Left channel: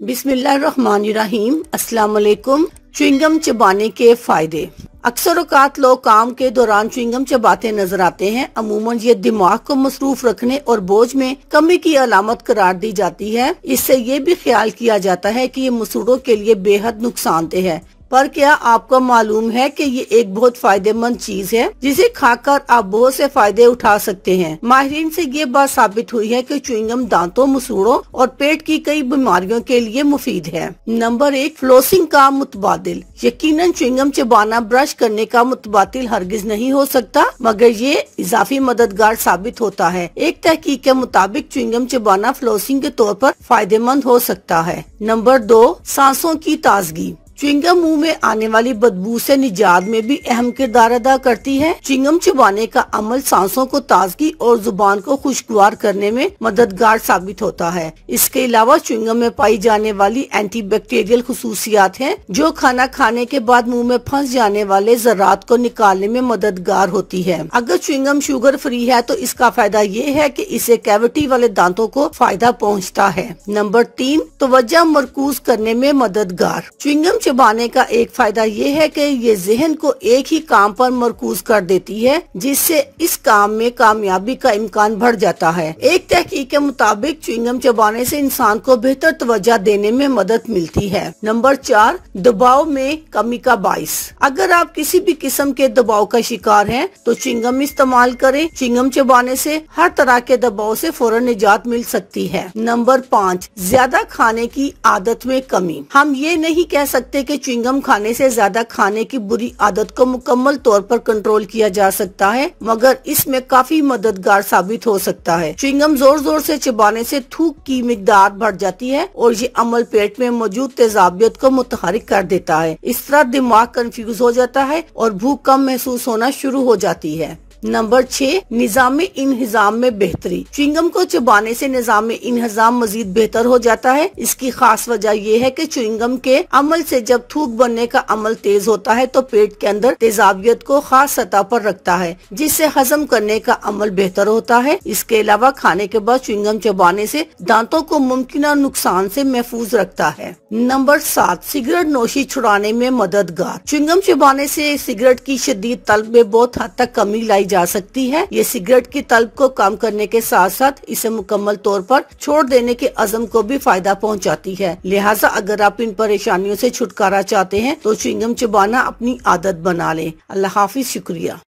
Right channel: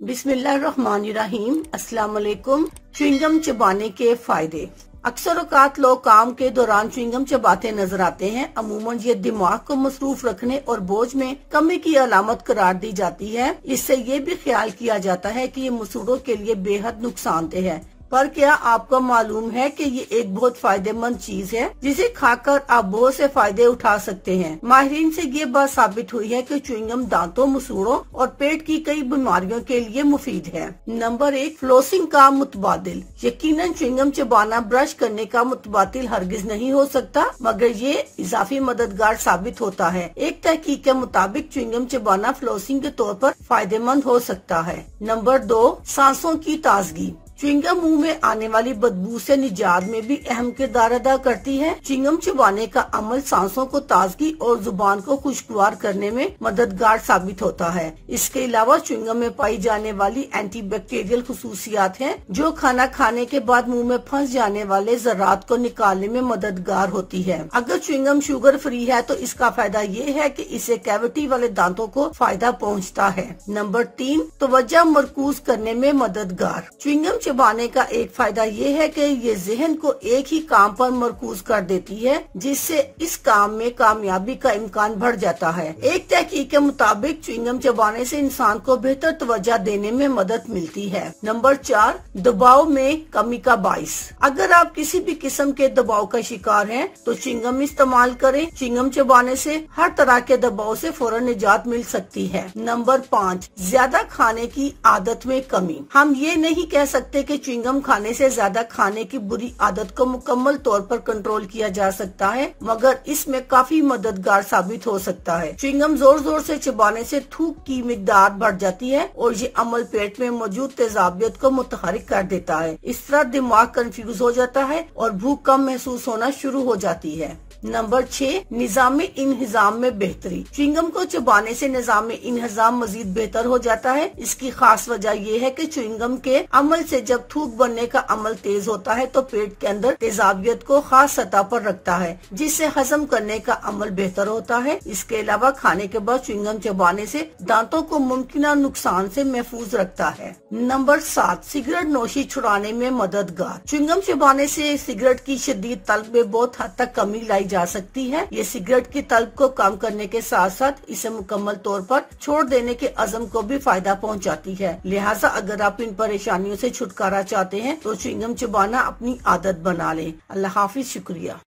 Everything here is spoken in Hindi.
बिस्मिल्लाहिर्रहमानिर्रहीम। अस्सलाम वालेकुम। च्युइंगम चबाने के फायदे। अक्सर औकात लोग काम के दौरान च्युइंगम चबाते नजर आते हैं। अमूमन ये दिमाग को मसरूफ रखने और बोझ में कमी की अलामत करार दी जाती है। इससे ये भी ख्याल किया जाता है कि ये मसूड़ों के लिए बेहद नुकसानदेह है। पर क्या आपको मालूम है कि ये एक बहुत फायदेमंद चीज है जिसे खाकर आप बहुत से फायदे उठा सकते हैं। माहिरीन से ये बात साबित हुई है कि च्युइंगम दांतों, मसूड़ों और पेट की कई बीमारियों के लिए मुफीद है। नंबर 1, फ्लोसिंग का मुतबादिल। यकीनन च्युइंगम चबाना ब्रश करने का मुतबादिल हरगिज नहीं हो सकता, मगर ये इजाफी मददगार साबित होता है। एक तहकीक के मुताबिक च्युइंगम चबाना फ्लोसिंग के तौर पर फायदेमंद हो सकता है। नंबर 2, सांसों की ताजगी। च्युइंगम मुंह में आने वाली बदबू से निजात में भी अहम किरदार अदा करती है। च्युइंगम चबाने का अमल सांसों को ताजगी और जुबान को खुशगवार करने में मददगार साबित होता है। इसके अलावा च्युइंगम में पाई जाने वाली एंटीबैक्टीरियल खुसूसियात हैं, जो खाना खाने के बाद मुंह में फंस जाने वाले ज़रात को निकालने में मददगार होती है। अगर च्युइंगम शुगर फ्री है तो इसका फायदा ये है कि इसे कैविटी वाले दांतों को फायदा पहुँचता है। नंबर 3, तवज्जो मरकूज करने में मददगार। च्युइंगम चबाने का एक फायदा ये है कि ये जहन को एक ही काम पर मरकूज कर देती है, जिससे इस काम में कामयाबी का इम्कान बढ़ जाता है। एक तहकीक के मुताबिक च्युइंगम चबाने से इंसान को बेहतर तवज्जो देने में मदद मिलती है। नंबर 4, दबाव में कमी का बाइस। अगर आप किसी भी किस्म के दबाव का शिकार हैं, तो च्युइंगम इस्तेमाल करें। च्युइंगम चबाने से हर तरह के दबाव से फौरन निजात मिल सकती है। नंबर 5, ज्यादा खाने की आदत में कमी। हम ये नहीं कह सकते कि च्युइंगम खाने से ज्यादा खाने की बुरी आदत को मुकम्मल तौर पर कंट्रोल किया जा सकता है, मगर इसमें काफी मददगार साबित हो सकता है। च्युइंगम जोर जोर से चबाने से थूक की मिकदार बढ़ जाती है और ये अमल पेट में मौजूद तेजाबियत को मुतहरिक कर देता है। इस तरह दिमाग कंफ्यूज हो जाता है और भूख कम महसूस होना शुरू हो जाती है। नंबर 6, निज़ाम इन्हिज़ाम में बेहतरी। च्युइंगम को चबाने से निज़ाम इन्हिज़ाम मजीद बेहतर हो जाता है। इसकी खास वजह यह है कि च्युइंगम के अमल से जब थूक बनने का अमल तेज होता है तो पेट के अंदर तेजाबियत को खास सतह पर रखता है, जिससे हजम करने का अमल बेहतर होता है। इसके अलावा खाने के बाद च्युइंगम चबाने से दांतों को मुमकिन नुकसान से महफूज रखता है। नंबर 7, सिगरेट नोशी छुड़ाने में मददगार। च्युइंगम चबाने से सिगरेट की शदीद तलब में बहुत हद तक कमी लाई जा सकती है। ये सिगरेट की तलब को कम करने के साथ साथ इसे मुकम्मल तौर पर छोड़ देने के अज़म को भी फायदा पहुंचाती है। लिहाजा अगर आप इन परेशानियों से छुटकारा चाहते हैं तो च्युइंगम चबाना अपनी आदत बना लें। अल्लाह हाफिज। शुक्रिया।